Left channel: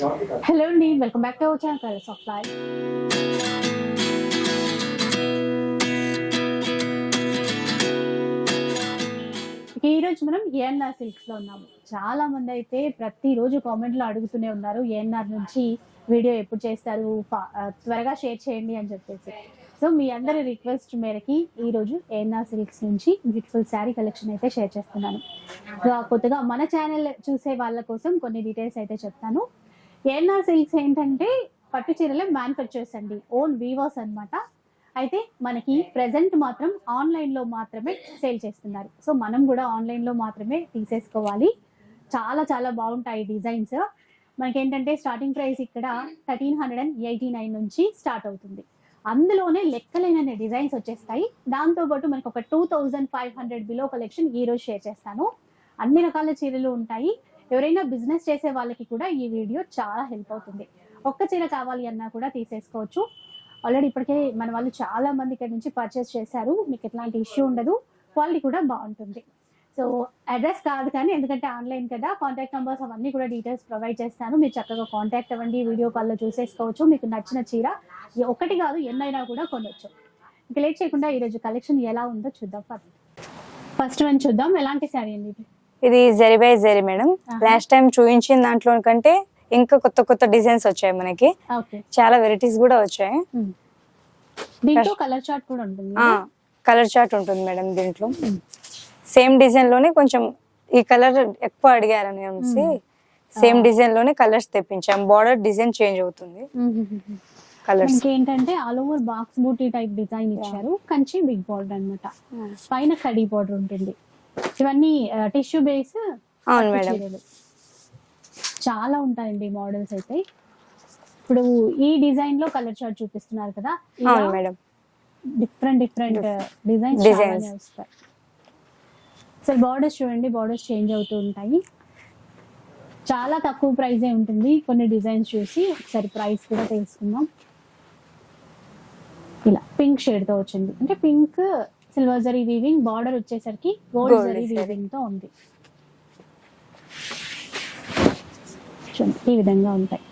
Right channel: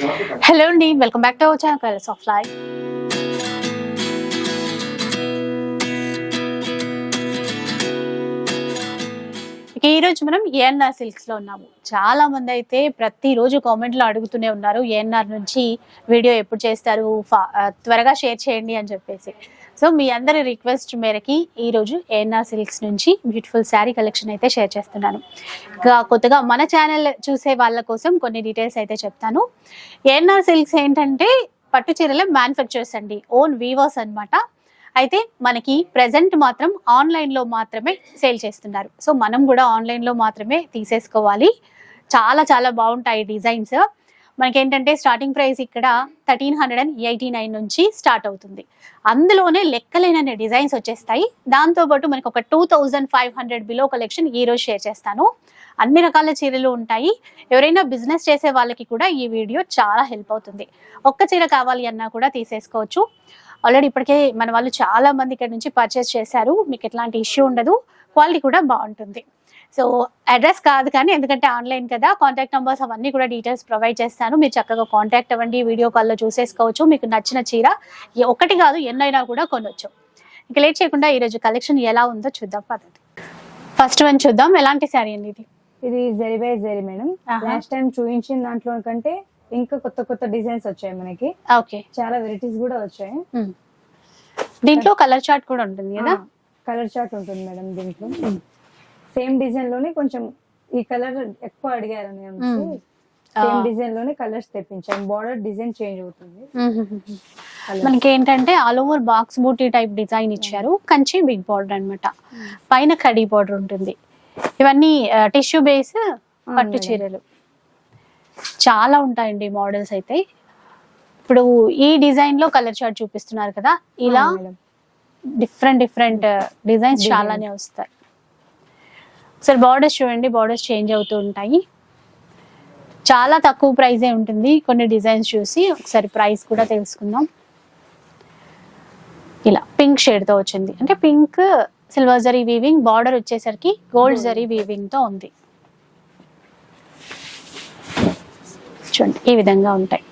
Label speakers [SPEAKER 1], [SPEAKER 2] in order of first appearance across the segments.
[SPEAKER 1] Hello అండి welcome back to our channel colours of life ఇక మనం ఏఎన్ఆర్ సిల్క్స్లో ఉన్నాము. చాలా మంది అయితే ప్రతిరోజు కామెంట్లో అడుగుతూనే ఉన్నారు ఏఎన్ఆర్ నుంచి వీడియో ఎప్పుడు చేస్తారు ఫా- త్వరగా షేర్ చేయండి అని చెప్పేసి. సో మీ అందరి రిక్వెస్ట్ మేరకి ఈ రోజు ఏఎన్ఆర్ సిల్క్స్ నుంచి బ్యూటిఫుల్ శారీ కలెక్షన్ అయితే షేర్ చేస్తున్నాను. ఇంకా కొత్తగా మన ఛానల్ చూసే వాళ్ళ కోసం కొన్ని డీటెయిల్స్ అయితే చెప్తాను. ఏఎన్ఆర్ సిల్క్స్ ఏంటంటే పట్టు చీరల మ్యానుఫ్యాక్చర్స్ అండి. ఓన్ వీవర్స్ అన్నమాట. అయితే మనకి ప్రెసెంట్ మాత్రం ఆన్లైన్లో మాత్రమే సేల్ చేస్తున్నారు. సో మనం కూడా ఆన్లైన్లో మాత్రమే తీసేసుకోవాలి. చాలా చాలా బాగుంటాయి డిజైన్స్. మనకేంటంటే స్టార్టింగ్ ప్రైస్ ఇక్కడ thirteen hundred and eighty nine నుంచి స్టార్ట్ అవుతుంది. అందులోనే లెక్కలేనన్ని డిజైన్స్ వచ్చేస్తాయి. దాంతోపాటు మనకు ఒక two thousand five hundred below collection ఈరోజు షేర్ చేస్తాను. అన్ని రకాల చీరలు ఉంటాయి. ఎవరైనా బిజినెస్ చేసే వాళ్ళకి కూడా ఈ వీడియో చాలా హెల్ప్ అవుతుంది. ఒక్క చీర కావాలి అన్నా కూడా తీసేసుకోవచ్చు. ఆల్రెడీ ఇప్పటికే మన వాళ్ళు చాలా మంది ఇక్కడ నుంచి పర్చేస్ చేశారు. మీకు ఎట్లాంటి ఇష్యూ ఉండదు. క్వాలిటీ కూడా బాగుంటుంది. సో అడ్రస్ కాదు కానీ ఎందుకంటే ఆన్లైన్ కదా కాంటాక్ట్ నెంబర్స్ అవన్నీ కూడా డీటెయిల్స్ ప్రొవైడ్ చేస్తాను. మీరు చక్కగా కాంటాక్ట్ అవ్వండి వీడియో కాల్లో చూసేసుకోవచ్చు. మీకు నచ్చిన చీర ఒకటి కాదు ఎన్నైనా కూడా కొనవచ్చు ఇక లేట్ చేయకుండా ఈరోజు కలెక్షన్ ఎలా ఉందో చూద్దాం పదండి. ఫస్ట్ వన్ చూద్దాం. ఎలాంటి శారీ అండి ఇది?
[SPEAKER 2] ఇది zari by zari madam. Last time చూపించిన దాంట్లో కంటే ఇంకా కొత్త కొత్త డిజైన్స్ వచ్చాయి మనకి.
[SPEAKER 1] ఓకే.
[SPEAKER 2] చాలా వెరైటీస్ కూడా వచ్చాయి.
[SPEAKER 1] దీంట్లో కలర్ చార్ట్ కూడా ఉంటుంది
[SPEAKER 2] కలర్ చార్ట్ ఉంటుంది మేడం దీంట్లో. సేమ్ డిజైన్లోనే కొంచెం ఈ కలర్ ఎక్కువ అడిగారని అనేసి. సేమ్. డిజైన్లోనే కలర్స్ తెప్పించాం. బార్డర్ డిజైన్ చేంజ్ అవుతుంది.
[SPEAKER 1] మనకి ఏంటంటే all over box booti type design ఇచ్చారు. కంచి బిగ్ బార్డర్ అన్నమాట. పైన కడీ బార్డర్ ఉంటుంది. ఇవన్నీ టిష్యూ బేస్ పట్టు. చీరలు. చాలా ఉంటాయండి మోడల్స్ అయితే. ఇప్పుడు ఈ డిజైన్లో కలర్ చార్ట్ చూపిస్తున్నారు కదా. ఇలా డిఫరెంట్ డిఫరెంట్ డిజైన్స్. చాలానే వస్తాయి. ఒకసారి బార్డర్స్ చూడండి బార్డర్స్ చేంజ్ అవుతూ ఉంటాయి. చాలా తక్కువ ప్రైజే ఉంటుంది కొన్ని డిజైన్స్ చూసి. ఒకసారి ప్రైస్ కూడా తెలుసుకుందాం. ఇలా పింక్ షేడ్తో వచ్చింది. అంటే pink silver zari weaving border వచ్చేసరికి గోల్డ్ జరీ
[SPEAKER 2] జరీ.
[SPEAKER 1] వీవింగ్తో ఉంది. చూడండి ఈ విధంగా ఉంటాయి.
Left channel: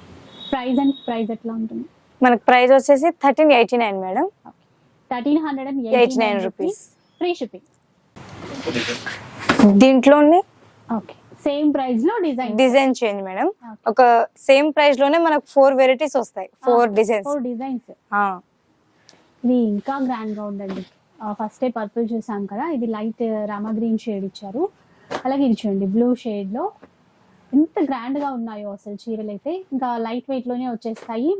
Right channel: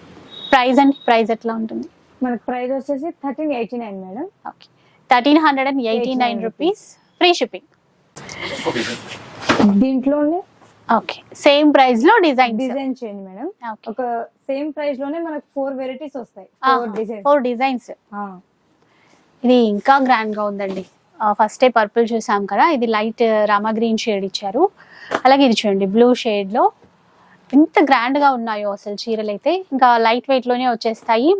[SPEAKER 1] ప్రైస్ అండ్ ప్రైస్ ఎట్లా ఉంటుంది?
[SPEAKER 2] మనకి ప్రైస్ వచ్చేసి thirteen eighty nine madam
[SPEAKER 1] okay thirteen hundred and eighty nine
[SPEAKER 2] 89
[SPEAKER 1] rupees free shipping
[SPEAKER 2] దీంట్లోనే
[SPEAKER 1] ఓకే. సేమ్ ప్రైస్లో డిజైన్
[SPEAKER 2] డిజైన్ చేంజ్ మేడం. ఒక సేమ్ ప్రైస్లోనే మనకు ఫోర్ వెరైటీస్ వస్తాయి. Four designs.
[SPEAKER 1] Four designs. ఇది ఇంకా గ్రాండ్గా ఉందండి ఫస్ట్ డే పర్పుల్ చూసాం కదా ఇది లైట్ రామా గ్రీన్ షేడ్ ఇచ్చారు. అలాగే ఇది చూడండి బ్లూ షేడ్లో ఎంత గ్రాండ్గా ఉన్నాయో అసలు చీరలు అయితే ఇంకా లైట్ వెయిట్లోనే వచ్చేస్తాయి.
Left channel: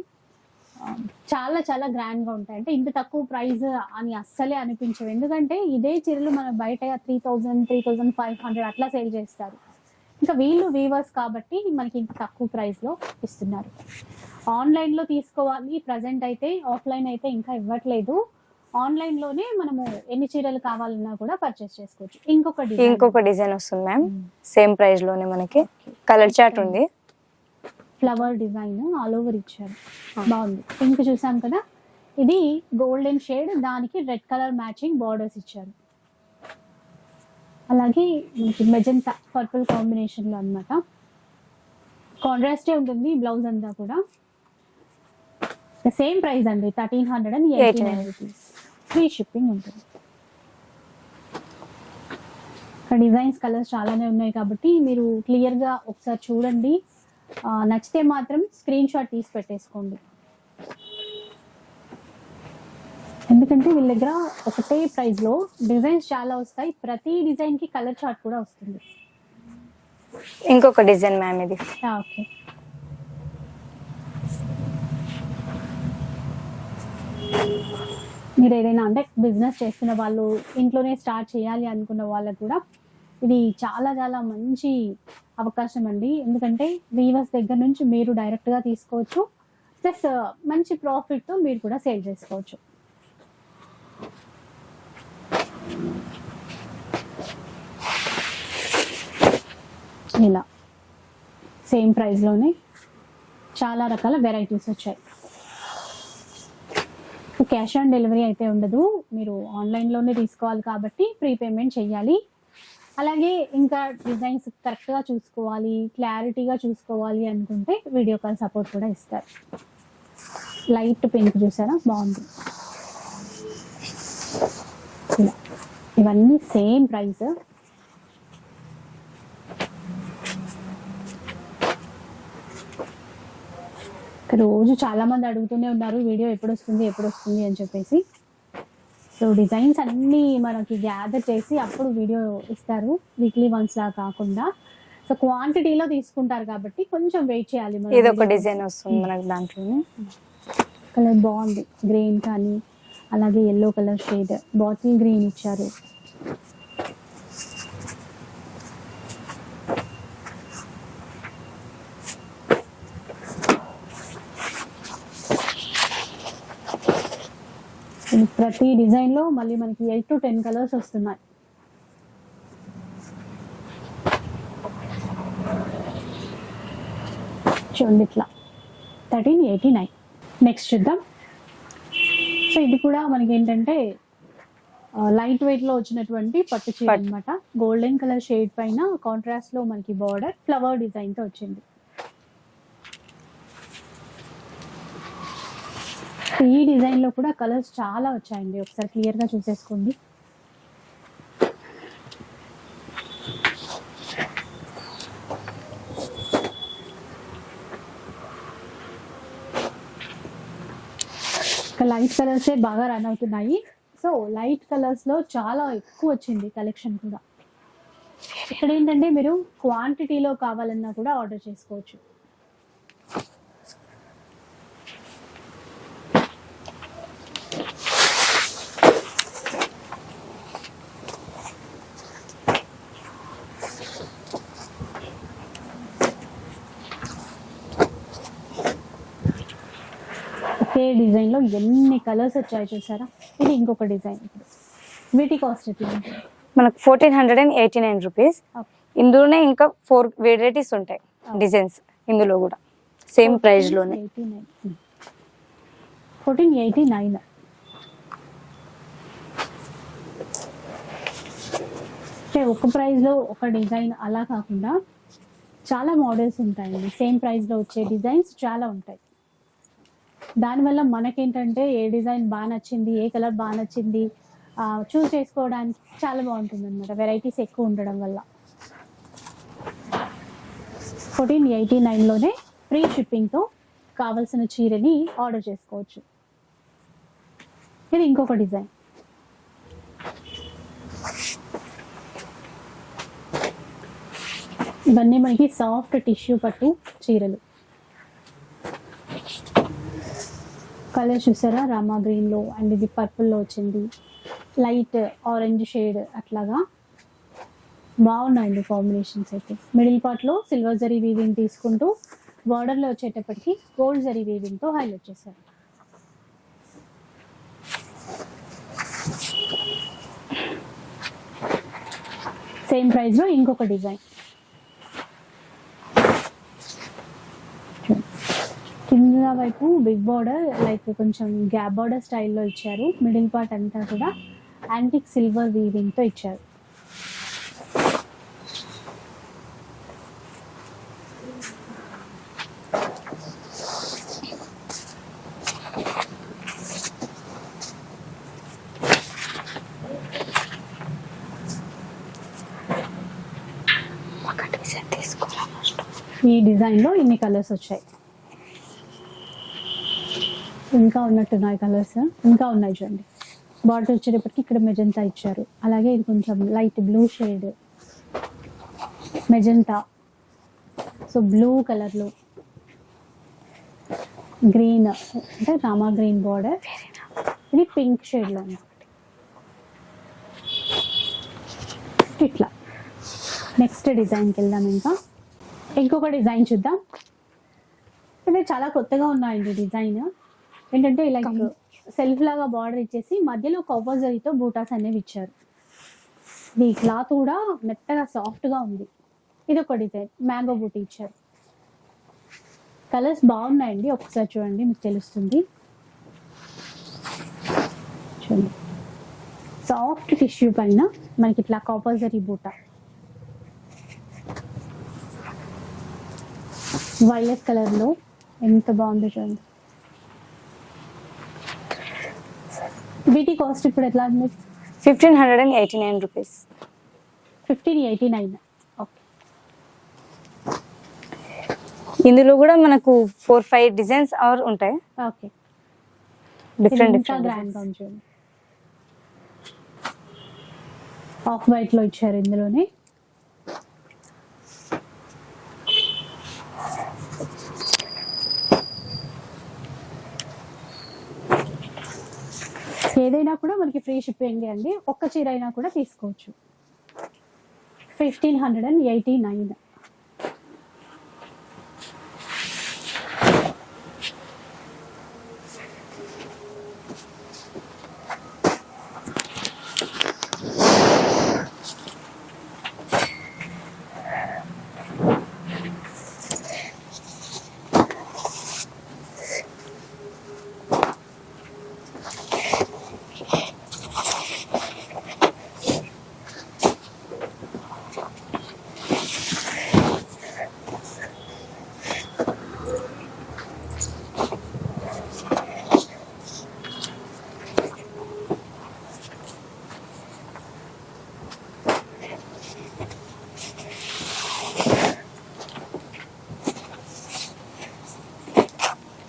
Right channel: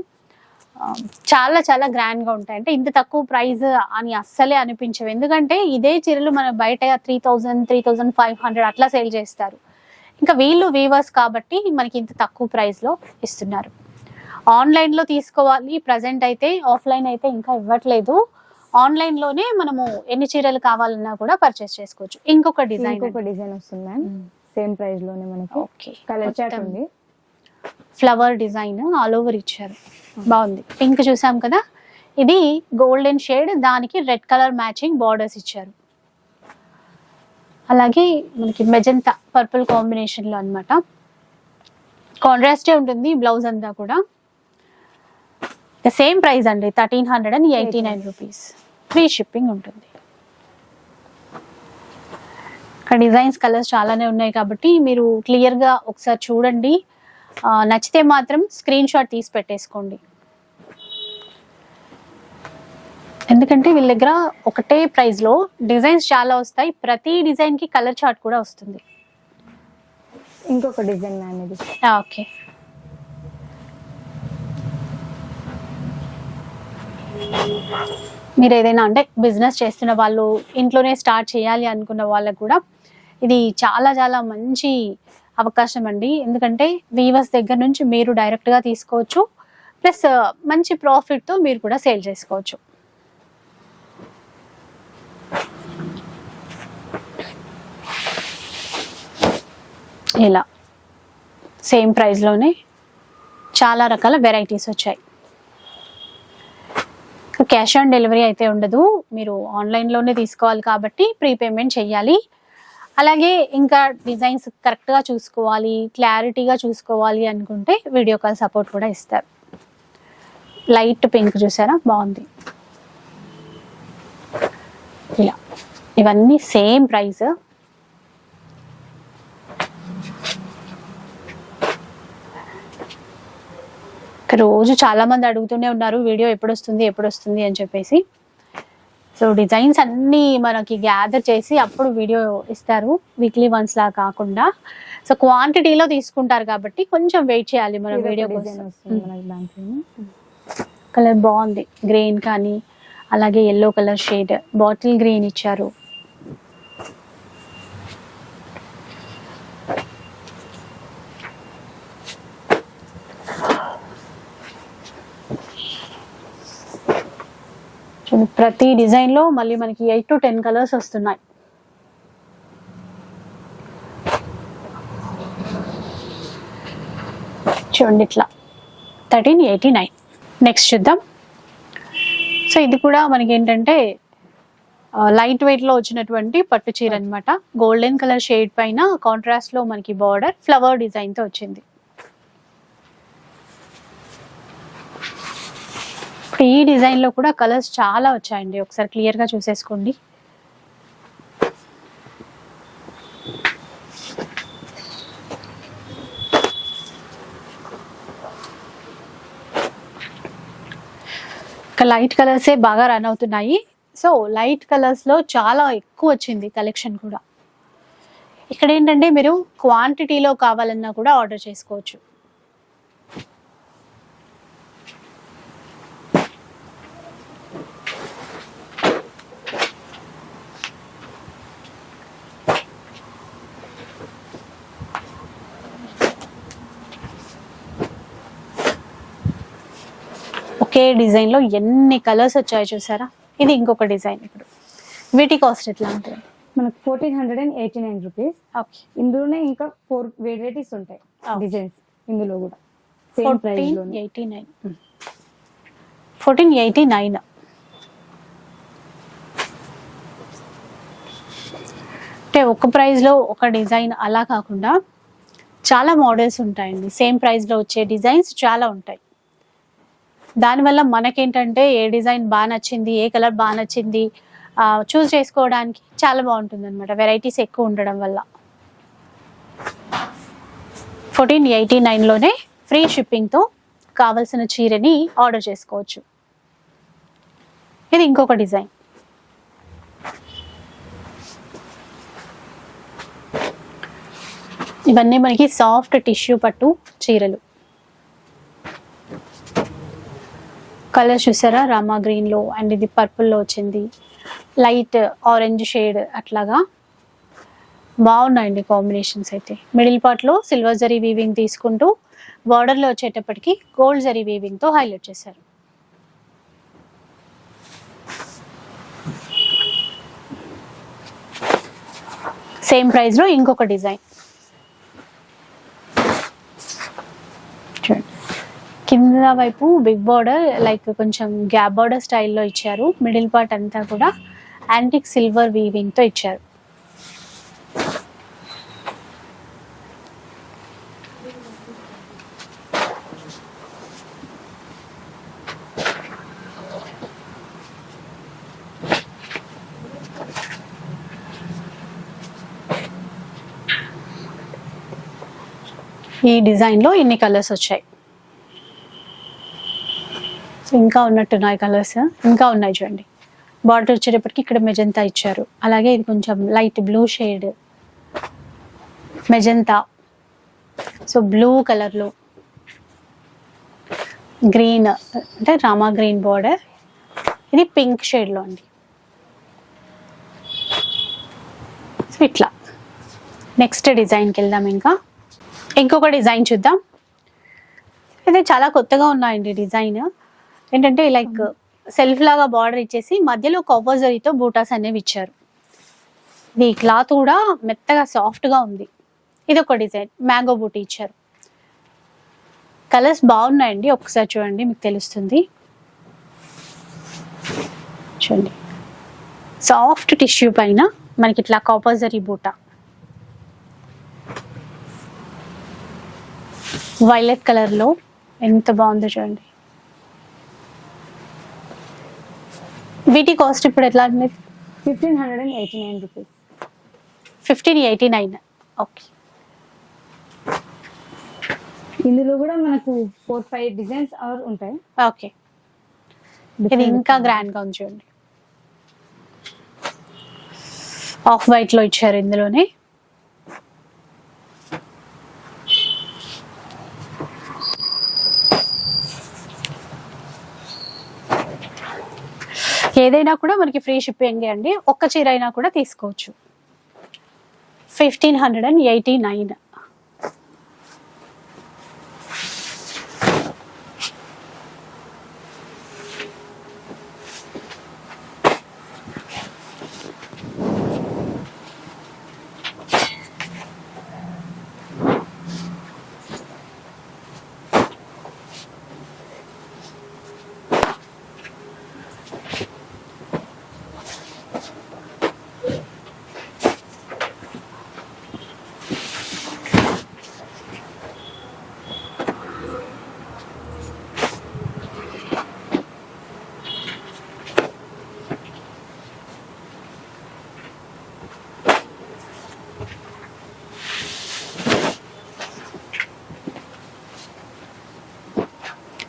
[SPEAKER 1] చాలా చాలా గ్రాండ్గా ఉంటాయి. అంటే ఇంత తక్కువ ప్రైస్ అని అస్సలే అనిపించవు. ఎందుకంటే ఇదే చీరలు మన బయట three thousand three thousand five hundred అట్లా సేల్ చేస్తారు. ఇంకా వీళ్ళు వీవర్స్ కాబట్టి మనకి ఇంత తక్కువ ప్రైస్లో ఇస్తున్నారు. ఆన్లైన్లో తీసుకోవాలి ప్రజెంట్ అయితే ఆఫ్లైన్ అయితే ఇంకా ఇవ్వట్లేదు. ఆన్లైన్లోనే మనము ఎన్ని చీరలు కావాలన్నా కూడా పర్చేస్ చేసుకోవచ్చు. ఇంకొక డిజైన్
[SPEAKER 2] ఇంకొక డిజైన్ వస్తుంది మ్యామ్ సేమ్ ప్రైస్లోనే మనకి. కలర్ చార్ట్ ఉంది.
[SPEAKER 1] ఫ్లవర్ డిజైన్ ఆల్ ఓవర్ ఇచ్చారు. బాగుంది. పింక్ చూసాం కదా? ఇది గోల్డెన్ షేడ్ దానికి రెడ్ కలర్ మ్యాచింగ్ బార్డర్స్ ఇచ్చారు. అలాగే మనకి మెజంతా పర్పుల్ కాంబినేషన్లో అనమాట కాంట్రాస్టే ఉంటుంది బ్లౌజ్ అంతా కూడా. సేమ్ ప్రైస్ అండి thirteen hundred and eighty nine rupees free shipping ఉంటుంది. ఇక్కడ డిజైన్స్ కలర్స్ చాలానే ఉన్నాయి కాబట్టి మీరు క్లియర్గా ఒకసారి చూడండి. నచ్చితే మాత్రం స్క్రీన్ షాట్ తీసి పెట్టేసుకోండి. ఎందుకంటే వీళ్ళ దగ్గర ఒకటే ప్రైస్లో డిజైన్స్ చాలా వస్తాయి. ప్రతి డిజైన్కి కలర్ చార్ట్ కూడా వస్తుంది.
[SPEAKER 2] ఇంకొక డిజైన్ మ్యామ్ ఇది.
[SPEAKER 1] ఓకే. మీరు ఏదైనా అంటే బిజినెస్ చేస్తున్న వాళ్ళు ఇంట్లోనే స్టార్ట్ చేయాలి అనుకున్న వాళ్ళకు కూడా ఇది చాలా చాలా మంచి అవకాశం అండి ఎందుకంటే వీవర్స్ దగ్గర నుంచి మీరు డైరెక్ట్గా తీసుకోవచ్చు. ప్లస్ మంచి ప్రాఫిట్తో మీరు కూడా సేల్ చేసుకోవచ్చు. ఇలా. సేమ్ ప్రైస్లోనే చాలా రకాల వెరైటీస్ వచ్చాయి. క్యాష్ ఆన్ డెలివరీ అయితే ఉండదు. మీరు ఆన్లైన్లోనే తీసుకోవాలి కాబట్టి ప్రీపేమెంట్ చేయాలి. అలాగే ఇంకా డిజైన్స్ కరెక్ట్గా చూసుకోవాలి క్లారిటీగా చూసుకోవాలి అనుకుంటే వీడియో కాల్ సపోర్ట్ కూడా ఇస్తారు. లైట్ పింక్ చూసారా? బాగుంది. ఇలా. ఇవన్నీ సేమ్ ప్రైస్ రోజు చాలామంది అడుగుతూనే ఉన్నారు వీడియో ఎప్పుడు వస్తుంది ఎప్పుడు వస్తుంది అని చెప్పేసి. సో డిజైన్స్ అన్నీ మనకి గ్యాదర్ చేసి అప్పుడు వీడియో ఇస్తారు వీక్లీ వన్స్ లా కాకుండా. సో క్వాంటిటీలో తీసుకుంటారు కాబట్టి కొంచెం వెయిట్ చేయాలి మనం
[SPEAKER 2] డిజైన్ వస్తుంది మనకు దాంట్లో
[SPEAKER 1] కలర్ బాగుంది గ్రీన్ కానీ అలాగే yellow colour shade bottle green ఇచ్చారు. ప్రతి డిజైన్లో మళ్ళీ మనకి ఎయిట్ టు టెన్ కలర్స్ వస్తున్నాయి. చూడండి ఇట్లా. Thirteen eighty nine. నెక్స్ట్ చూద్దాం. సో ఇది కూడా మనకి ఏంటంటే లైట్ వెయిట్లో వచ్చినటువంటి పట్టు చీర అన్నమాట. గోల్డెన్ కలర్ షేడ్ పైన కాంట్రాస్ట్లో మనకి బార్డర్ ఫ్లవర్ డిజైన్తో వచ్చింది. ఈ డిజైన్లో కూడా కలర్స్ చాలా వచ్చాయండి. ఒకసారి క్లియర్గా చూసేసుకోండి. లైట్ కలర్సే బాగా రన్ అవుతున్నాయి. సో లైట్ కలర్స్లో చాలా ఎక్కువ వచ్చింది కలెక్షన్ కూడా. ఇక్కడ ఏంటంటే మీరు క్వాంటిటీలో కావాలన్నా కూడా ఆర్డర్ చేసుకోవచ్చు. ఒకే డిజైన్లో ఎన్ని కలర్స్ వచ్చాయో చూసారా? ఇది ఇంకొక డిజైన్ ఇప్పుడు. వీటి కాస్ట్ ఎట్లా ఉంటుంది?
[SPEAKER 2] మనకు fourteen hundred and eighty nine rupees ఇందులోనే ఇంకా ఫోర్ వెరైటీస్ ఉంటాయి. డిజైన్స్ ఇందులో కూడా. Same ప్రైస్లోనే.
[SPEAKER 1] Eighty nine fourteen eighty nine అంటే ఒక ప్రైస్లో ఒక డిజైన్ అలా కాకుండా చాలా మోడల్స్ ఉంటాయండి. సేమ్ ప్రైస్లో వచ్చే డిజైన్స్ చాలా ఉంటాయి. దానివల్ల మనకేంటంటే ఏ డిజైన్ బాగా నచ్చింది ఏ కలర్ బాగా నచ్చింది చూస్ చేసుకోవడానికి చాలా బాగుంటుంది అనమాట వెరైటీస్ ఎక్కువ ఉండడం వల్ల. ఫోర్టీన్ ఎయిటీ నైన్లోనే ఫ్రీ షిప్పింగ్తో కావలసిన చీరని ఆర్డర్ చేసుకోవచ్చు. ఇది ఇంకొక డిజైన్. ఇవన్నీ మనకి సాఫ్ట్ టిష్యూ పట్టు చీరలు. కలర్ చూసారా? రామా గ్రీన్లో అండ్ ఇది పర్పుల్లో వచ్చింది. లైట్ ఆరెంజ్ షేడ్ అట్లాగా. బాగున్నాయండి కాంబినేషన్స్ అయితే. మిడిల్ పార్ట్లో సిల్వర్ జరీ వీవింగ్ తీసుకుంటూ బార్డర్లో వచ్చేటప్పటికి గోల్డ్ జరీ వీవింగ్తో హైలైట్ చేశారు. సేమ్ ప్రైస్లో ఇంకొక డిజైన్ కింద వైపు బిగ్ బార్డర్ లైక్ కొంచెం గ్యాప్ బార్డర్ స్టైల్లో ఇచ్చారు. మిడిల్ పార్ట్ అంతా కూడా యాంటిక్ సిల్వర్ వీవింగ్తో ఇచ్చారు. ఈ డిజైన్లో ఇన్ని కలర్స్ వచ్చాయి. ఇంకా ఉన్నట్టున్నాయి కలర్స్. ఇంకా ఉన్నాయి చూడండి. బార్డర్ వచ్చేటప్పటికి ఇక్కడ మెజంతా ఇచ్చారు. అలాగే ఇది కొంచెం light blue shade magenta. So blue కలర్లో గ్రీన్ అంటే రామా గ్రీన్ బార్డర్ ఇది పింక్ షేడ్లో అండి సో ఇట్లా. నెక్స్ట్ డిజైన్కి వెళ్దాం ఇంకా. ఇంకొక డిజైన్ చూద్దాం. ఇది చాలా కొత్తగా ఉన్నాయండి డిజైన్ ఏంటంటే లైక్ సెల్ఫ్ లాగా బార్డర్ ఇచ్చేసి మధ్యలో కొవ్వజరితో బూటాస్ అనేవి ఇచ్చారు. నీ క్లాత్ కూడా మెత్తగా సాఫ్ట్గా ఉంది. ఇది ఒక డిజైన్ మ్యాంగో బూటీ ఇచ్చారు. కలర్స్ బాగున్నాయండి. ఒకసారి చూడండి మీకు తెలుస్తుంది. చూడండి. సాఫ్ట్ టిష్యూ పైన మనకి ఇట్లా కాపర్జరీ బూట వైలెట్ కలర్లో ఎంత బాగుందో చూడండి. వీటి కాస్ట్ ఇప్పుడు ఎట్లా ఉంది
[SPEAKER 2] fifteen hundred and eighty nine rupees
[SPEAKER 1] fifteen eighty nine okay
[SPEAKER 2] ఇందులో కూడా మనకు ఫోర్ ఫైవ్ డిజైన్స్ ఆర్ ఉంటాయి.
[SPEAKER 1] ఓకే ఇంకా గ్రాండ్గా ఉంది చూడండి. ఆఫ్ వైట్లో ఇచ్చారు ఇందులోనే. ఏదైనా కూడా మనకి ఫ్రీ షిప్పింగ్ అండి. ఒక్క చీర అయినా కూడా తీసుకోవచ్చు. Fifteen hundred and eighty nine.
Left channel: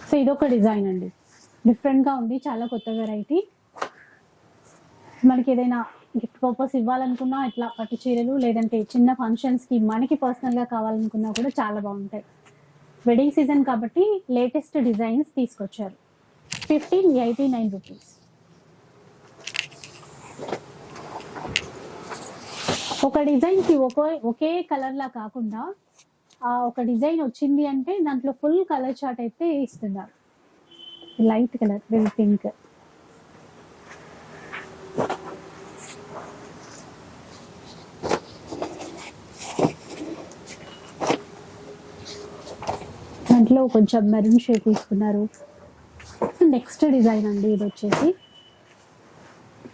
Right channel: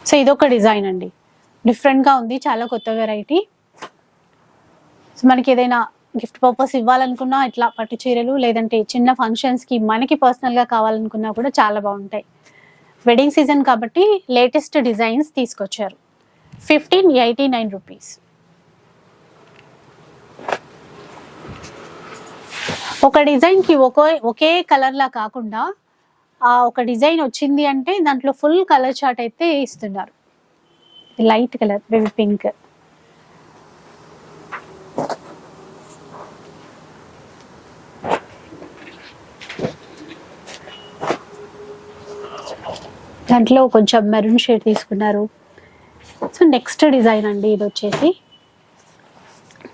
[SPEAKER 1] So ఇదొక డిజైన్ అండి. డిఫరెంట్గా ఉంది చాలా కొత్త వెరైటీ. సో మనకి ఏదైనా గిఫ్ట్ పర్పస్ ఇవ్వాలనుకున్నా ఇట్లా పట్టు చీరలు లేదంటే చిన్న ఫంక్షన్స్కి మనకి పర్సనల్గా కావాలనుకున్నా కూడా చాలా బాగుంటాయి. వెడ్డింగ్ సీజన్ కాబట్టి లేటెస్ట్ డిజైన్స్ తీసుకొచ్చారు. Fifteen eighty nine rupees. ఒక డిజైన్కి ఒకే ఒకే కలర్లా కాకుండా ఒక డిజైన్ వచ్చింది అంటే దాంట్లో ఫుల్ కలర్ చార్ట్ అయితే ఇస్తున్నారు. Light colour baby pink. దాంట్లో కొంచెం మెరూన్ షేడ్ తీసుకున్నారు. సో నెక్స్ట్ డిజైన్ అండి ఇది వచ్చేసి.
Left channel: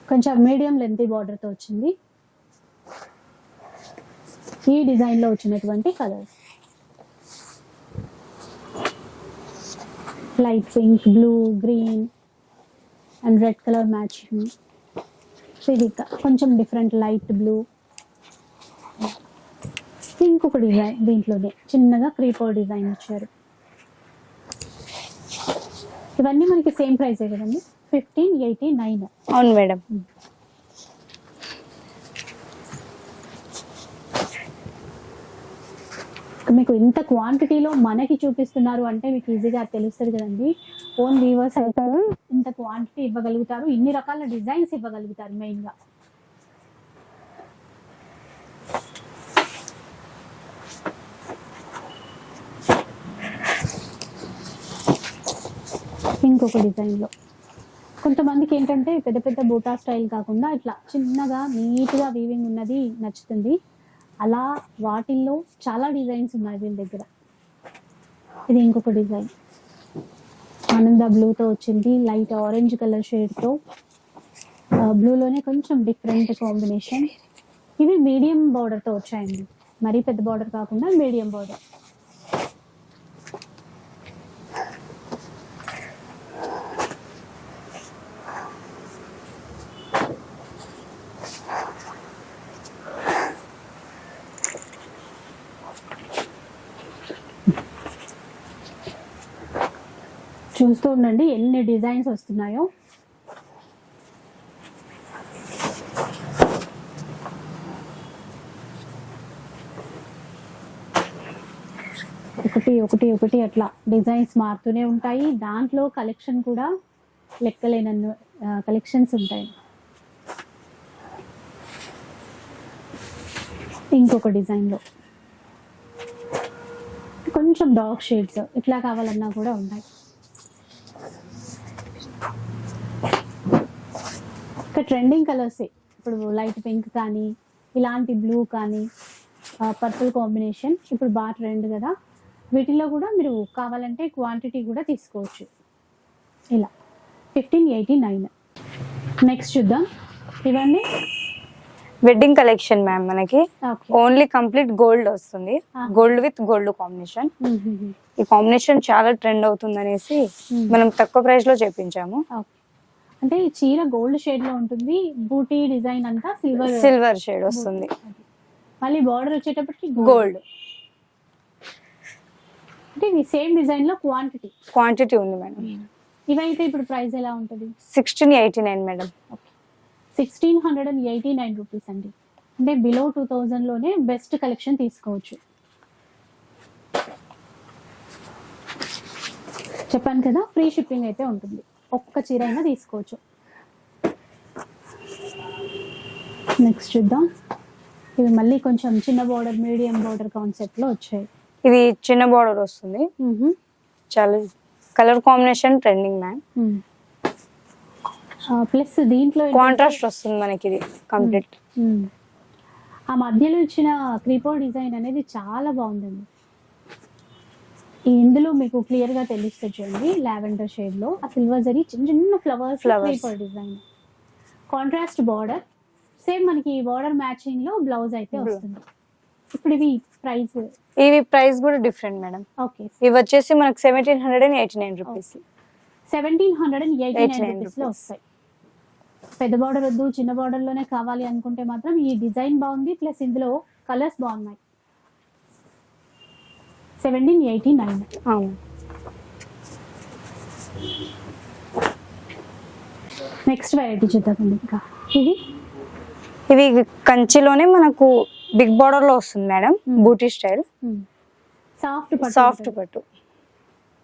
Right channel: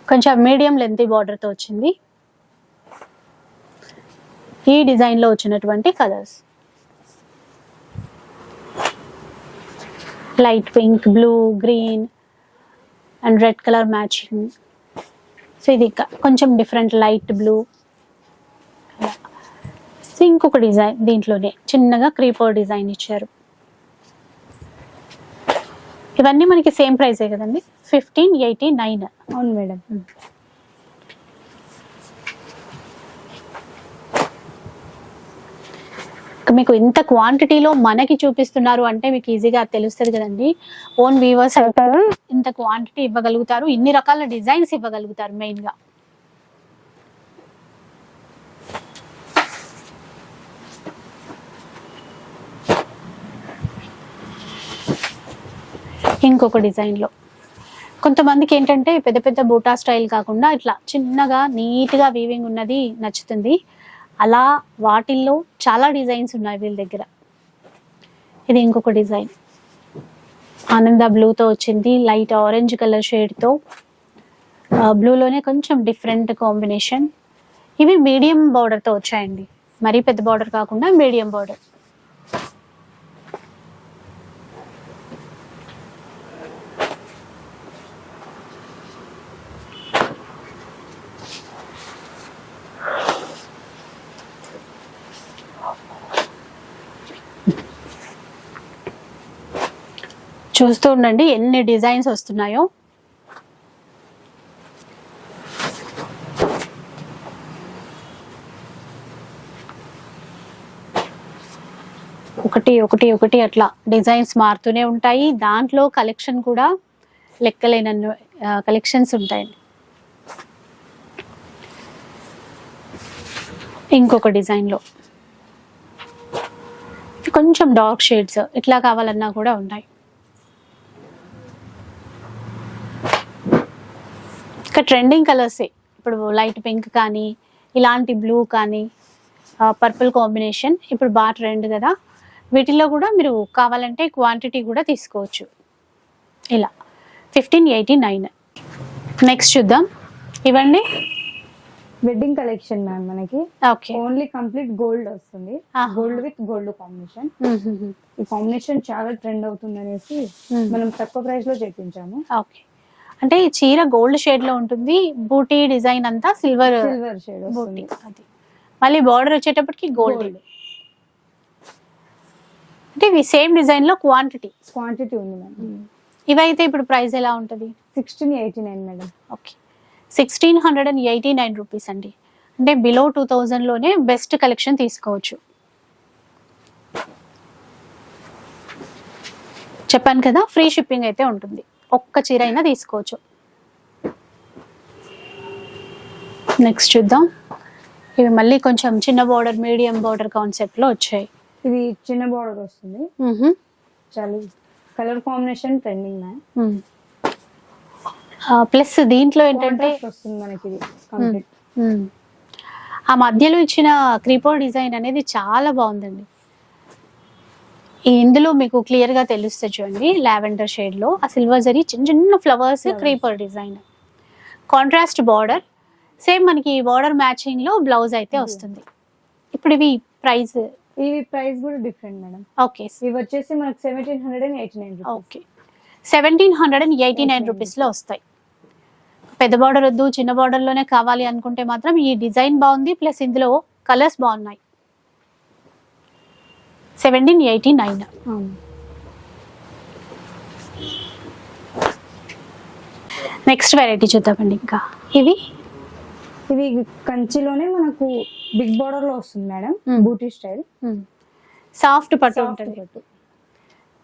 [SPEAKER 1] కొంచెం మీడియం లెంత్ బార్డర్తో వచ్చింది. ఈ డిజైన్లో వచ్చినటువంటి colours. Light pink blue green and red colour matching. So ఇది కొంచెం డిఫరెంట్ లైట్ బ్లూ. ఇంకొక డిజైన్ దీంట్లోనే చిన్నగా క్రీపర్ డిజైన్ ఇచ్చారు. ఇవన్నీ మనకి సేమ్ ప్రైసే కదండి? Fifteen eighty nine.
[SPEAKER 2] అవును మేడం.
[SPEAKER 1] మీకు ఇంత క్వాంటిటీలో మనకి చూపిస్తున్నారు అంటే మీకు ఈజీగా తెలుస్తుంది కదండి. ఓన్ వీవర్స్ ఇంత క్వాంటిటీ ఇవ్వగలుగుతారు ఇన్ని రకాల డిజైన్స్ ఇవ్వగలుగుతారు మెయిన్గా ఇంకొక డిజైన్లో కొంతమందికి ఏంటంటే పెద్ద పెద్ద బూటా స్టైల్ కాకుండా ఇట్లా చిన్నగా నీట్గా వీవింగ్ ఉన్నది నచ్చుతుంది. అలా వాటిల్లో చాలా డిజైన్స్ ఉన్నాయి వీళ్ళ దగ్గర. ఇది ఇంకొక డిజైన్. ఆనంద బ్లూతో వచ్చింది లైట్ ఆరెంజ్ కలర్ షేడ్తో. బ్లూలోనే కొంచెం డిఫరెంట్ కాంబినేషన్. ఇవి మీడియం బార్డర్తో వచ్చాయండి. మరీ పెద్ద బార్డర్ కాకుండా మీడియం బార్డర్ చూస్తూ ఉండండి ఎన్ని డిజైన్స్ వస్తున్నాయో. ఒకటి ఒకటి ఒకటి అట్లా డిజైన్స్ మారుతూనే ఉంటాయి. దాంట్లో కలెక్షన్ కూడా లెక్కలేనన్ను కలెక్షన్స్ ఉంటాయి. ఇంకొక డిజైన్లో. కొంచెం డార్క్ షేడ్స్ ఇట్లా కావాలన్నా కూడా ఉన్నాయి ఇంకా ట్రెండింగ్ కలర్సే ఇప్పుడు లైట్ పింక్ కానీ ఇలాంటి బ్లూ కానీ పర్పుల్ కాంబినేషన్ ఇప్పుడు బాగా ట్రెండ్ కదా. వీటిలో కూడా మీరు కావాలంటే క్వాంటిటీ కూడా తీసుకోవచ్చు. ఇలా. ఫిఫ్టీన్ ఎయిటీ నైన్ నెక్స్ట్ చూద్దాం. ఇవ్వండి
[SPEAKER 2] వెడ్డింగ్ కలెక్షన్ మ్యామ్ మనకి.
[SPEAKER 1] ఓకే
[SPEAKER 2] ఓన్లీ కంప్లీట్ గోల్డ్ వస్తుంది. గోల్డ్ విత్ గోల్డ్ కాంబినేషన్ ఈ కాంబినేషన్ చాలా ట్రెండ్ అవుతుంది అనేసి
[SPEAKER 1] Hmm.
[SPEAKER 2] మనం తక్కువ ప్రైస్లో చేపించాము.
[SPEAKER 1] ఓకే అంటే ఈ చీర గోల్డ్ షేడ్లో ఉంటుంది బూటీ డిజైన్ అంతా సిల్వర్
[SPEAKER 2] సిల్వర్ షేడ్ వస్తుంది.
[SPEAKER 1] అది. మళ్ళీ బార్డర్ వచ్చేటప్పటికి గోల్డ్
[SPEAKER 2] గోల్డ్
[SPEAKER 1] అంటే ఇవి సేమ్ డిజైన్లో క్వాంటిటీ
[SPEAKER 2] క్వాంటిటీ ఉంది మేడం.
[SPEAKER 1] ఇవైతే ఇప్పుడు ప్రైస్ ఎలా ఉంటుంది?
[SPEAKER 2] Sixteen eighty nine madam.
[SPEAKER 1] Okay sixteen hundred and eighty nine rupees అండి. అంటే బిలో టూ థౌజండ్లోనే బెస్ట్ కలెక్షన్ తీసుకోవచ్చు. చెప్పాను కదా ఫ్రీ షిప్పింగ్ అయితే ఉంటుంది. ఒక్క చీర అయినా తీసుకోవచ్చు. నెక్స్ట్ చూద్దాం. ఇవి మళ్ళీ కొంచెం చిన్న బార్డర్ మీడియం బార్డర్ కాన్సెప్ట్లో వచ్చాయి.
[SPEAKER 2] ఇది చిన్న బార్డర్ వస్తుంది. చాలా colour combination trending ma'am
[SPEAKER 1] plus దీంట్లో
[SPEAKER 2] కాంట్రాస్ట్ వస్తుంది మనకి ఇది కంప్లీట్.
[SPEAKER 1] ఆ మధ్యలో ఇచ్చిన క్రీపర్ డిజైన్ అనేది చాలా బాగుందండి. ఇందులో మీకు క్లియర్గా తెలుస్తుంది చూడండి లావెండర్ షేడ్లో. ఆ సిల్వర్ జరీ చిన్న చిన్న flowers. Creeper design contrast border same మనకి బార్డర్ మ్యాచింగ్లో బ్లౌజ్ అయితే. వస్తుంది. ఇప్పుడు ఇవి ప్రైస్
[SPEAKER 2] ఇవి ప్రైస్ కూడా డిఫరెంట్ మేడం
[SPEAKER 1] ఓకే.
[SPEAKER 2] ఇవి వచ్చేసి మనకు seventeen hundred and eighty nine rupees
[SPEAKER 1] okay. Seventeen hundred and eighty nine
[SPEAKER 2] 89
[SPEAKER 1] రూపీస్లో వస్తాయి. పెద్ద బార్డర్ వద్దు చిన్న బార్డర్లోనే కావాలి అనుకుంటే మాత్రం ఈ డిజైన్ బాగుంది ప్లస్ ఇందులో కలర్స్ బాగున్నాయి. Seventeen eighty nine. Next variety చూద్దామండి ఇంకా. ఇవి?
[SPEAKER 2] ఇవి కంచిలోనే మనకు బిగ్ బార్డర్లో వస్తుంది మేడం
[SPEAKER 1] Hmm.
[SPEAKER 2] బూటీ స్టైల్.
[SPEAKER 1] సాఫ్ట్ పట్టు
[SPEAKER 2] సాఫ్ట్
[SPEAKER 1] ఉంటుంది.
[SPEAKER 2] పట్టు.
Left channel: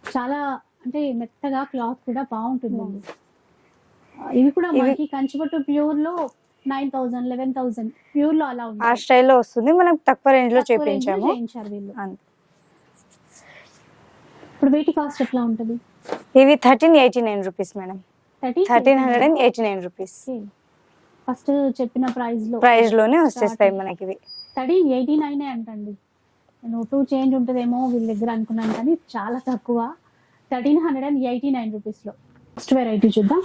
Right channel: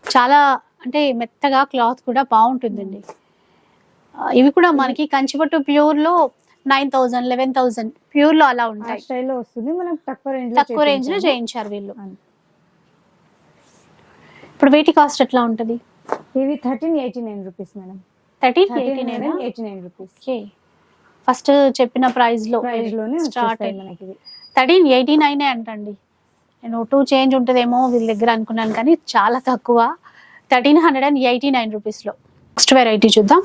[SPEAKER 1] చాలా అంటే మెత్తగా క్లాత్ కూడా బాగుంటుందండి. ఆ, ఇవి కూడా మనకి కంచిపట్టు ప్యూర్లో నైన్ థౌసండ్ లెవెన్ థౌసండ్ ప్యూర్లో అలా
[SPEAKER 2] ఆ
[SPEAKER 1] ఉంటాయి.
[SPEAKER 2] స్టైల్లో వస్తుంది మనకు తక్కువ రేంజ్లో
[SPEAKER 1] తక్కువ రేంజ్లో
[SPEAKER 2] చేయించాము.
[SPEAKER 1] చేయించారు వీళ్ళు.
[SPEAKER 2] అంతే.
[SPEAKER 1] ఇప్పుడు వీటి కాస్ట్ ఎట్లా ఉంటది?
[SPEAKER 2] ఇవి thirteen eighty nine rupees madam.
[SPEAKER 1] Thirteen
[SPEAKER 2] thirteen hundred and eighty nine rupees.
[SPEAKER 1] First చెప్పిన
[SPEAKER 2] ప్రైస్లో ప్రైస్లోనే వచ్చేస్తాయి మనకి ఇవి.
[SPEAKER 1] థర్టీన్ ఎయిటీ నైన్ అంటండి. నేను టూ చేంజ్ ఉంటుందేమో వీళ్ళ దగ్గర అనుకున్నాను కానీ చాలా తక్కువ. Thirteen hundred and eighty nine రూపీస్లో నెక్స్ట్ వెరైటీ చూద్దాం.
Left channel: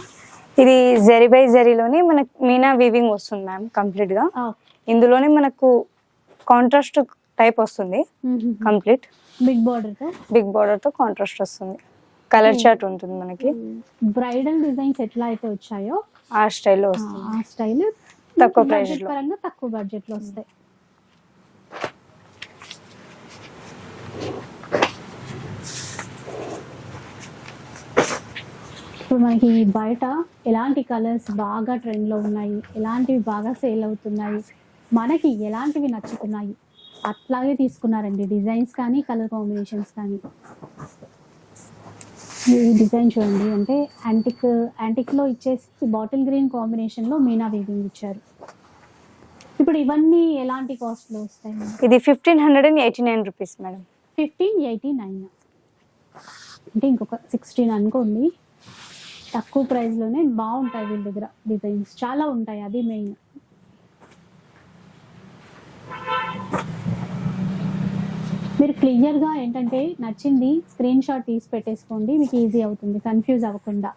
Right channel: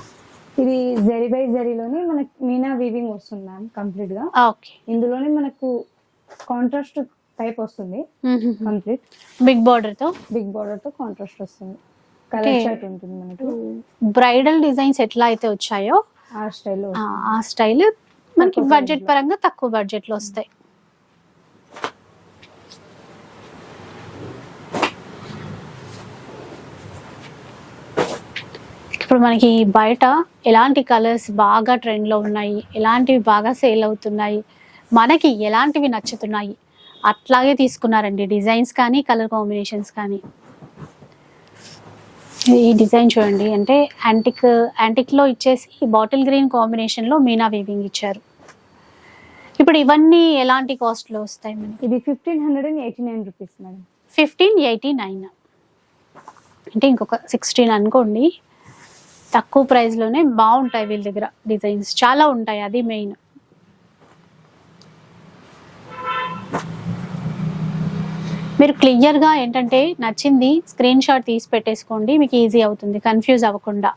[SPEAKER 2] ఇది జరీ బై జరీలోనే మనకి మీనా వీవింగ్ వస్తుంది మ్యామ్ కంప్లీట్గా
[SPEAKER 1] ఓకే.
[SPEAKER 2] ఇందులోనే మనకు కాంట్రాస్ట్ టైప్ వస్తుంది. కంప్లీట్.
[SPEAKER 1] బిగ్ బార్డర్తో?
[SPEAKER 2] బిగ్ బార్డర్తో కాంట్రాస్ట్ వస్తుంది. కలర్. చార్ట్ ఉంటుంది మనకి.
[SPEAKER 1] బ్రైడల్ డిజైన్స్ ఎట్లా అయితే వచ్చాయో?
[SPEAKER 2] ఆ స్టైల్లో
[SPEAKER 1] ఆ- స్టైల్
[SPEAKER 2] తక్కువ
[SPEAKER 1] బడ్జెట్. పరంగా తక్కువ బడ్జెట్లో వస్తాయి. ఇప్పుడు మనకి బయట ఎలాంటి కలర్స్ బాగా ట్రెండ్లో ఉన్నాయి? ఎలాంటివి బాగా సేల్ అవుతున్నాయి? మనకి ఎలాంటివి నచ్చుతున్నాయి? అట్లాగే తీసుకున్నారండి. డిజైన్స్ కానీ కలర్ కాంబినేషన్స్ కానీ. ఈ డిజైన్ చూడండి. అంటే యాంటిక్ యాంటిక్లో ఇచ్చేసి బాటిల్ గ్రీన్ కాంబినేషన్లో మీనా వీవింగ్ ఇచ్చారు. ఇప్పుడు ఇవన్నీ ఎలాంటి కాస్ట్లో వస్తాయి
[SPEAKER 2] ఇది fifteen hundred and eighty nine rupees madam.
[SPEAKER 1] Fifteen eighty nine. అంటే ఇంకొక సిక్స్టీన్ అనుకోండి. తక్కువ ప్రైస్లోనే బాగుంటాయి వీళ్ళ దగ్గర డిజైన్స్. చాలా ఉంటాయి. అది మెయిన్. మీరు క్లియర్గా ఏంటంటే నచ్చింది స్క్రీన్ షాట్ తీసి పెట్టేసుకోండి మీకు ఈజీ అవుతుంది కన్ఫ్యూజ్ అవ్వకుండా.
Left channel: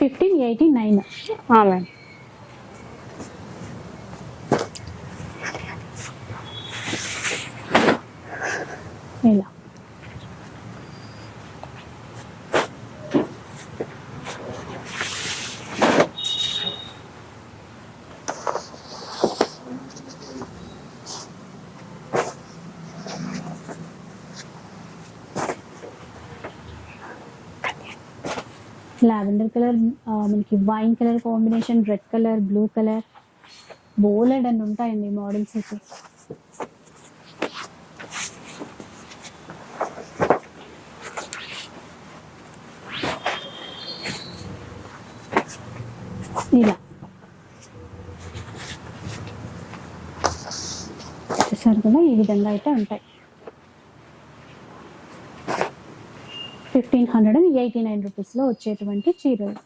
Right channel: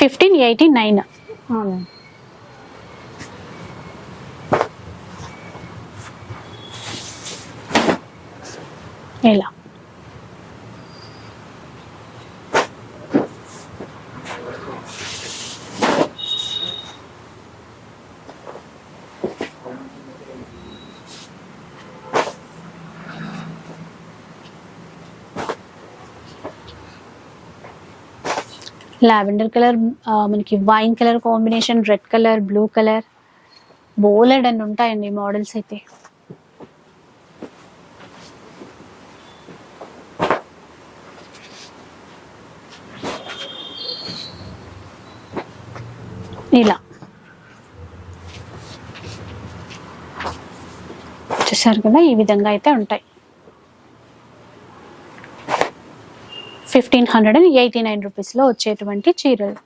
[SPEAKER 1] ఫిఫ్టీన్ ఎయిటీ నైన్
[SPEAKER 2] మ్యామ్
[SPEAKER 1] ఇలా. లావెండర్ కలర్ మనకి wine colour combination red colour blue colour బోలెడ్ అని ఉంటాయండి మోడల్స్ అయితే. ఇలా. చూసారు కదా? ఈ విధంగా అయితే ఉంటాయి. Fifteen hundred and eighty nine రూపీస్లో వచ్చేటువంటి చీరలు.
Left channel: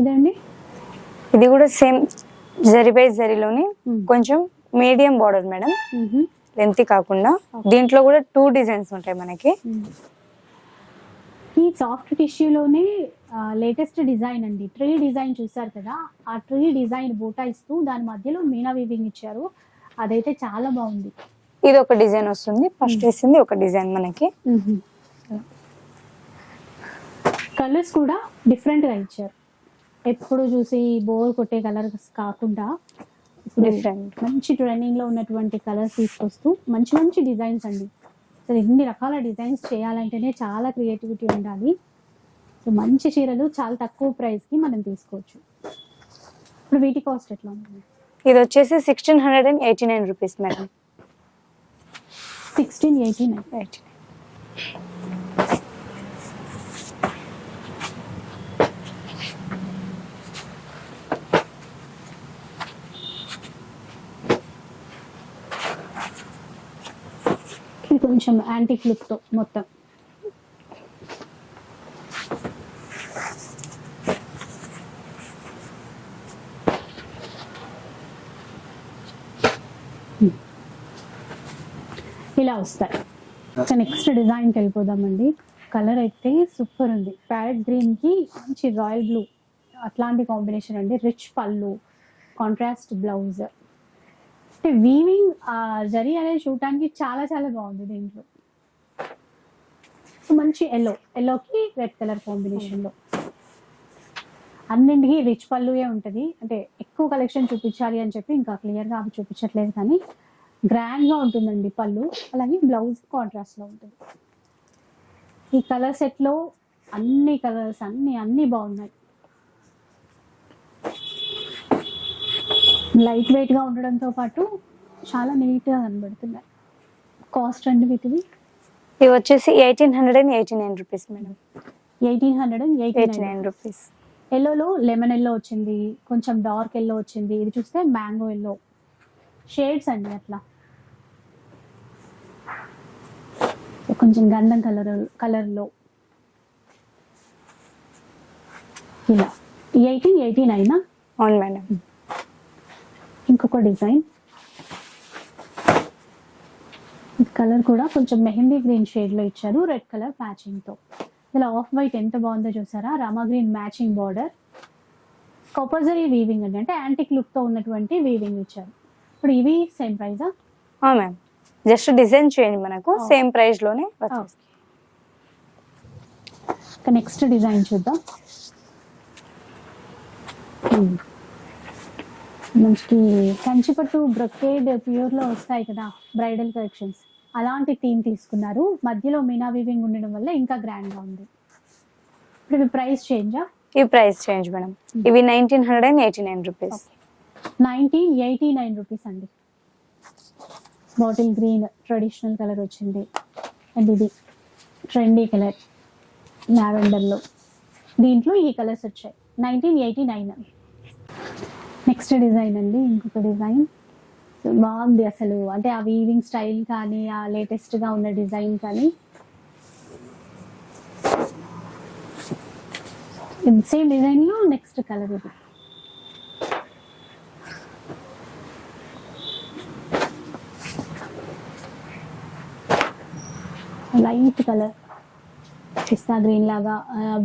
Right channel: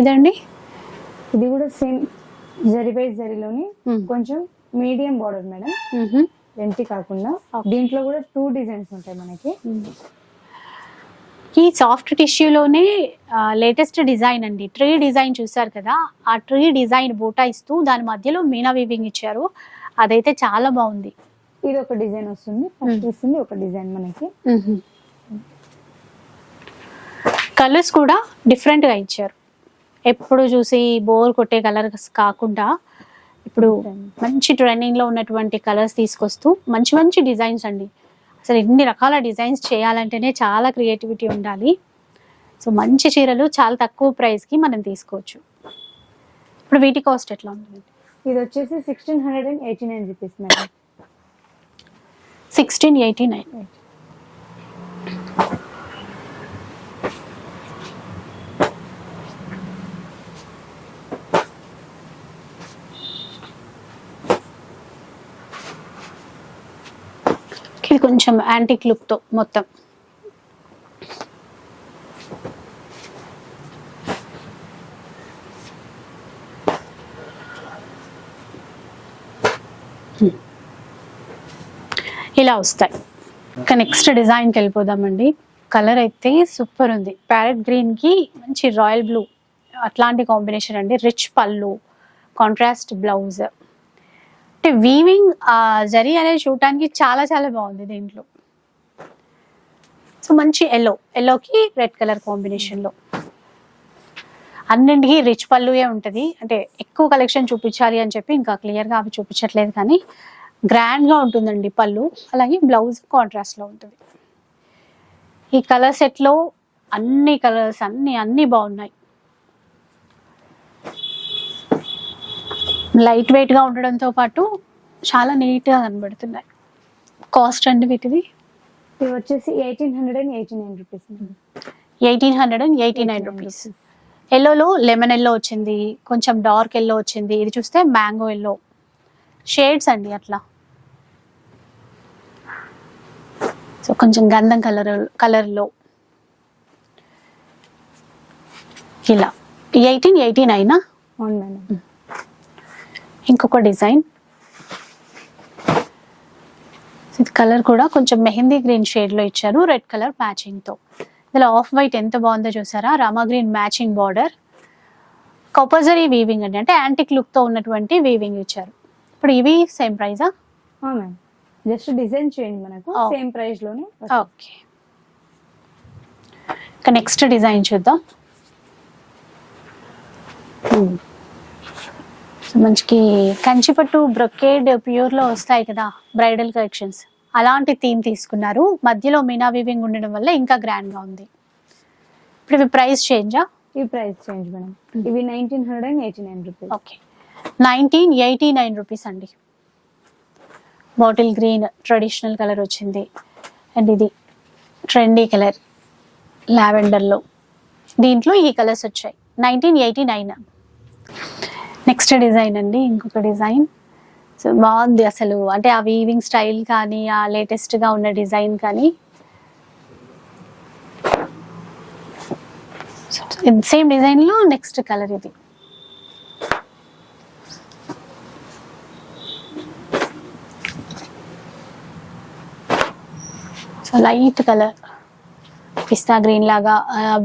[SPEAKER 1] ఇదండి
[SPEAKER 2] ఇది కూడా సేమ్ జరీ బై జరీలోనే. కొంచెం మీడియం బార్డర్ మేడం. లెంత్ కాకుండా. దీంట్లో కూడా టూ డిజైన్స్ ఉంటాయి మనకి
[SPEAKER 1] ఈ సాఫ్ట్ టిష్యూలోనే లేటెస్ట్ డిజైన్ అండి. ట్రీ డిజైన్ చూసారు కదా? ఆ ట్రీ డిజైన్ బూటా ఇస్తూ దాని మధ్యలో మీనా వీవింగ్ ఇచ్చారు. అదైతే చాలా బాగుంది.
[SPEAKER 2] ఇది ఒక డిజైన్ వస్తుంది. ఫస్ట్. వేసింది ఒక డిజైన్ మనకి.
[SPEAKER 1] కలర్స్ కూడా డిఫరెంట్గా ఇచ్చారు. ఎప్పుడు చూసి బోర్ కొట్టే కలర్స్ కాకుండా ఇప్పుడు. మంచి ట్రెండింగ్లో ఉన్నటువంటి కలర్స్ తీసుకొస్తూ మంచి మంచి డిజైన్స్ అండి. అసలు ఇన్ని రకాల డిజైన్స్ చేయాలంటేనే చాలా క్రియేటివిటీ ఉండాలి. సో మంచి చీరలు చాలా తక్కువ ప్రైస్కి మనం తీసుకోవచ్చు. ఇప్పుడు వీటి కాస్ట్ ఎట్లా ఉంటుంది?
[SPEAKER 2] ఇది వచ్చేసి sixteen hundred and eighty nine rupees madam
[SPEAKER 1] sixteen eighty nine ఇది కొంచెం యాంటిక్ లుక్తో మొత్తం. ఇలా వస్తాయి. ఇంకా నెక్స్ట్ డిజైన్కి వెళ్ళిపోదామండి. కలర్ అయితే సూపర్ ఉంది. ప్యారెట్ గ్రీన్కి మంచి రాయల్ బ్లూ అట్లాంటి కాంబినేషన్ అండి. రిచ్ పళ్ళు కాంట్రాస్ట్ బ్లౌజ్ అంటే వీవింగ్ జరీ అనేది చూడటానికి చాలా చాలా బాగుంది దీంట్లో. సో మంచి ఎల్లో ఎల్లోకి రెడ్ కలర్ కాంబినేషన్లో అన్నింటికి రిచ్ పళ్ళుయే ఉంటుంది. అంటే ఎక్కువ కలెక్షన్ చూపించాలి అని చెప్పి ఇంకా క్లియర్గా అవి చూపించట్లేదు కానీ గ్రాండ్గా ఉంటుందండి పళ్ళు. అలాగే బ్లౌజ్ కాంట్రాస్ట్లో ఉంటుంది. ఈ కలర్ సెట్లో అన్ని కలర్స్ అన్ని అన్ని బాగున్నాయి. లైట్ వెయిట్గా ఉండడంతో పాటు చాలా నీట్గా కనబడుతున్నాయి. కాస్ట్ అండి వీటిది?
[SPEAKER 2] ఇది వచ్చేసి eighteen hundred and eighty nine rupees madam.
[SPEAKER 1] Eighteen hundred and eighty nine rupees. ఎల్లోలో lemon yellow వచ్చింది కొంచెం డార్క్ ఎల్లో వచ్చింది. ఇది చూస్తే మ్యాంగో ఎల్లో. షేడ్స్ అండి అట్లా. సో కొంచెం గంధం కలర్ కలర్లో. ఇలా. ఎయిటీన్ ఎయిటీ నైనా?
[SPEAKER 2] అవును మేడం.
[SPEAKER 1] ఇంకొక డిజైన్. ఇది కలర్ కూడా కొంచెం మెహందీ గ్రీన్ షేడ్లో ఇచ్చారు రెడ్ కలర్ మ్యాచింగ్తో ఇందులో ఆఫ్ వైట్ ఎంత బాగుందో చూసారా? Rama green matching border. Compulsory weaving అండి. అంటే యాంటిక్ లుక్తో ఉన్నటువంటి వీవింగ్ ఇచ్చారు. ఇప్పుడు ఇవి సేమ్ ప్రైజా
[SPEAKER 2] మ్యామ్ జస్ట్ డిజైన్ చేయండి మనకు. సేమ్ ప్రైస్లోనే వచ్చేస్తుంది.
[SPEAKER 1] ఓకే. ఇక నెక్స్ట్ డిజైన్ చూద్దాం. మంచికి కంచిపట్టు బ్రొకేడ్ ప్యూర్లో వస్తాయి కదా బ్రైడల్ కలెక్షన్స్. అలాంటి థీమ్ తీసుకున్నారు. మధ్యలో మీనా వీవింగ్ ఉండడం వల్ల ఇంకా గ్రాండ్గా ఉంది. ఇప్పుడు ఇవి ప్రైస్ చేంజా
[SPEAKER 2] ఈ ప్రైస్ చేంజ్ మేడం. ఇవి nineteen hundred and eighty nine rupees.
[SPEAKER 1] Okay. Nineteen eighty nine rupees అండి. బాటిల్ గ్రీన్ ట్రెడిషనల్ కలర్ వచ్చింది. అండ్ ఇది ట్రెండీ కలర్ లావెండర్లో. దీంట్లో ఈ కలర్స్ వచ్చాయి. Nineteen eighty nine. Next design అండి ఇంకొక డిజైన్. సో బాగుంది అసలు. అంటే ఆ వీవింగ్ స్టైల్ కానీ ఆ లేటెస్ట్గా ఉన్న డిజైన్ కానీ. సేమ్ డిజైన్లో నెక్స్ట్ కలర్ ఇది. So light colour pista green లాగా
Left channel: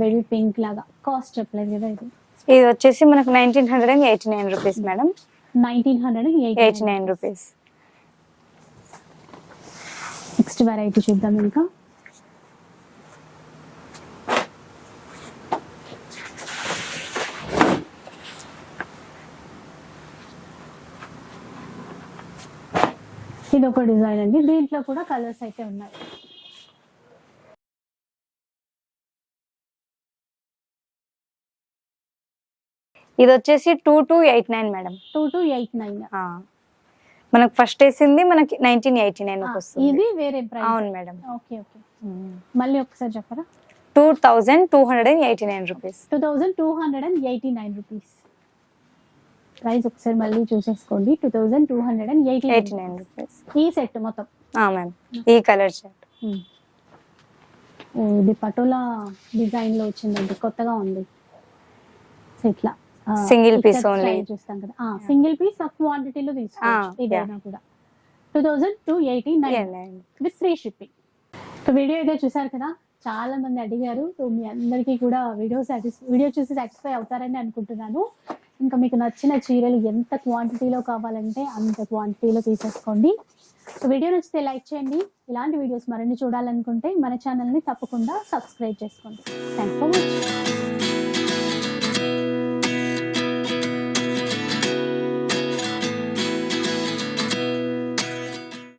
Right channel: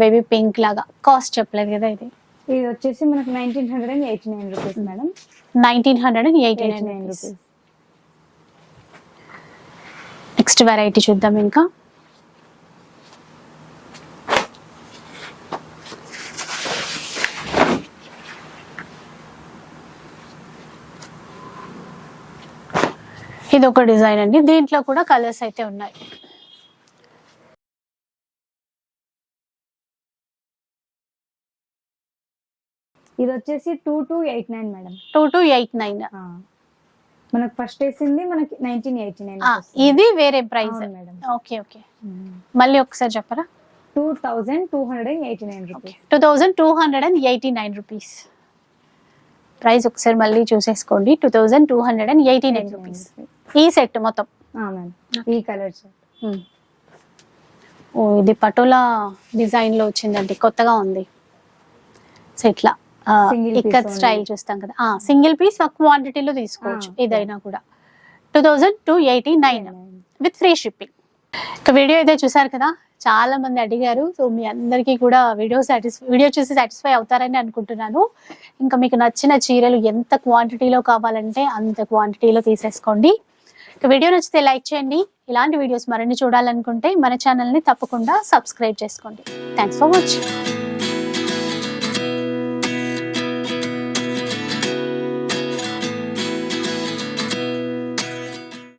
[SPEAKER 1] బేబీ పింక్ లాగా. కాస్ట్ చెప్పలేదు కదా ఇది.
[SPEAKER 2] ఇది వచ్చేసి మనకు nineteen hundred and eighty nine rupees madam
[SPEAKER 1] nineteen hundred and
[SPEAKER 2] eighty nine rupees
[SPEAKER 1] next variety చూద్దాం ఇంకా. ఇది ఒక డిజైన్ అండి. దీంట్లో కూడా కలర్స్ అయితే ఉన్నాయి.
[SPEAKER 2] ఇది వచ్చేసి two two eight nine madam
[SPEAKER 1] two two eight nine
[SPEAKER 2] మనకు ఫస్ట్ వేసింది మనకి నైన్టీన్ ఎయిటీ నైన్
[SPEAKER 1] ఇది వేరే ప్రైస్.
[SPEAKER 2] అవును మేడం.
[SPEAKER 1] Okay okay. మళ్ళీ ఒకసారి చెప్పరా?
[SPEAKER 2] Two thousand two hundred and eighty nine rupees
[SPEAKER 1] two thousand two hundred and eighty nine rupees price ఒకసారి మళ్ళీ చూసేసుకోండి. Two thousand two hundred and eighty nine
[SPEAKER 2] eighty nine
[SPEAKER 1] rupees ఈ set మొత్తం.
[SPEAKER 2] Ma'am ఈ colour
[SPEAKER 1] మ్మ్. ఓ ఇది పటోలా డిజైన్లో వచ్చిందండి. కొత్తగా ఉంది. సో ఇట్లా
[SPEAKER 2] Piece only.
[SPEAKER 1] స్టైల్ చూస్తాం కదా. సింగిల్ పీస్ క్వాంటిటీలో తీసుకోవచ్చు ఇదైనా కూడా. Two thousand two eighty nine with free shipping ఇక వీడియో అయితే చూసారు కదా? చాలా మంది అడిగారు సో మీ అందరికీ కూడా వీడియో సాటిస్ వీడియో చూసి సాటిస్ఫై అవుతారని అనుకుంటున్నాను. ఇంకా మీకు నచ్చిన చీరలు ఎంత క్వాంటిటీలో కావాలంటే అంత క్వాంటిటీలో తీసేసుకోండి. వీడియో నచ్చితే లైక్ చేయండి. ఇలాంటి వీడియోస్ మరిన్ని చూడాలనుకుంటే మన ఛానల్ని తప్పకుండా సబ్స్క్రైబ్ చేసుకోండి. Thanks for watching